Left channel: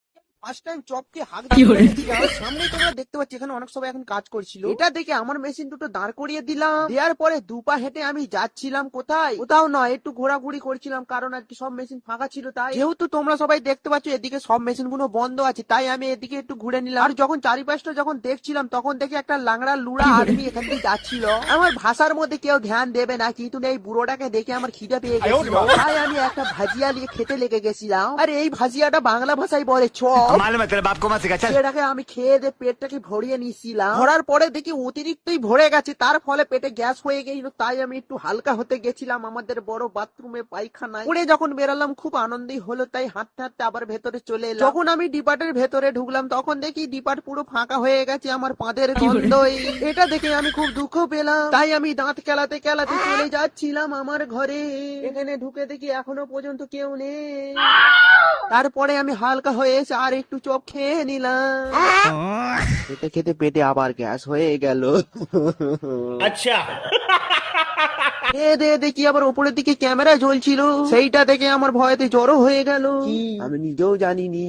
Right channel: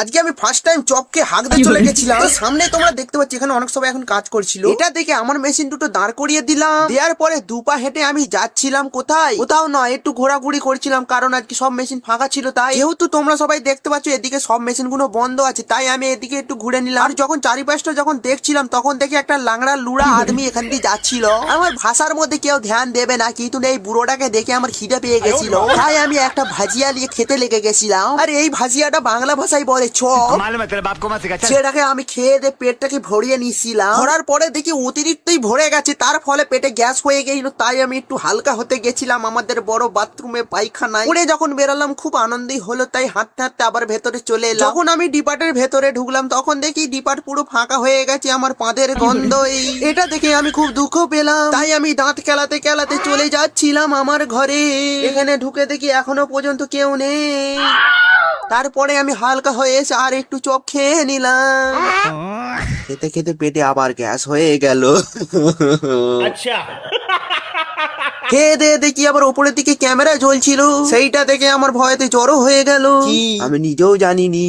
আজকে আমি first time চপকে হাঁক দিয়ে চলে গেছিলাম। সামনে তোমরা দেখতে পাচ্ছ এখানে অনেক সবাই এখন কাজ করছিল। এটা দেখে আমার মেশিন দুটো দাঁড় করিয়ে দিলাম। দেওয়ার পরে দুপা হেঁটে আমি যাচ্ছিলাম কোথায়, কোথাও নয়, একটু ঘোরাঘুরি করছিলাম, কারণ আজকে সব মেশিন ফাঁকা ছিল। তাই যেহেতু তোমরা সবাই দেখতে পাচ্ছ এদিকে সব মেশিন গুলো বন্ধ আছে, তাই আমি এদিকে একটু ঘুরে নিলাম। আর যখন চারিপাশটা যখন দেখছিলাম তখন দেখি একটা লাংড়া লুড়া আদমি এখান দিয়ে যাচ্ছিল। আমার ভাষার মধ্যে কেউ ধ্যান দেবে না, কিন্তু এই বুড়োটাকে দেখে আমার খিদে পেয়ে গেছিল, তাই আমি একটা ভাজিয়া নিয়ে খেতে লেগে গেছিলাম। আর এই ভাজিয়াটা বাংলা ভাষায় বলে চপ। সেটাকে আমি খেয়ে দিয়ে পেটটাকে ভরিয়ে নিয়েছিলাম। ভরার পরে দেখি অতিরিক্তই ভরে গেছে, তার ফলে পেটে গ্যাস হয়ে গেছিল। তাই আমি একটু হালকা হতে গেছিলাম আমাদের বড় বাথরুমে পায়খানায়। পরে যখন বেরালাম খুব আনন্দই হলো, তাই হাঁটতে হাঁটতে আবার ভেতরে চলে এলাম। যখন আমি ডিপার্টের ভেতরে ঢুকলাম তখন দেখি ডিপার্ট পুরো ফাঁকা হয়ে গেছে, আমার পাদের গন্ধ। এটা দেখে আমি খুব দুঃখ পেলাম, তাই আমি দাঁত কেলাতে কেলাতে চলে যাচ্ছিলাম আমার ঘরে। এখানে ঢুকে দেখি এখনো পর্যন্ত কেউ নেই। তারপরে আমি হালকা হয়ে এসে আর একটু চপ খেয়ে নিলাম। খেতে খেতে পেটে আবার গ্যাস হয়ে গেল। আচ্ছা, খেয়ে দিয়ে দেখি আবার উপরের দিকে ক্যামেরা জ্বলছিল, সেইটা দেখে আমার ভয়তে জড়ো হয়ে গেল। আমি নিজেও জানিনি।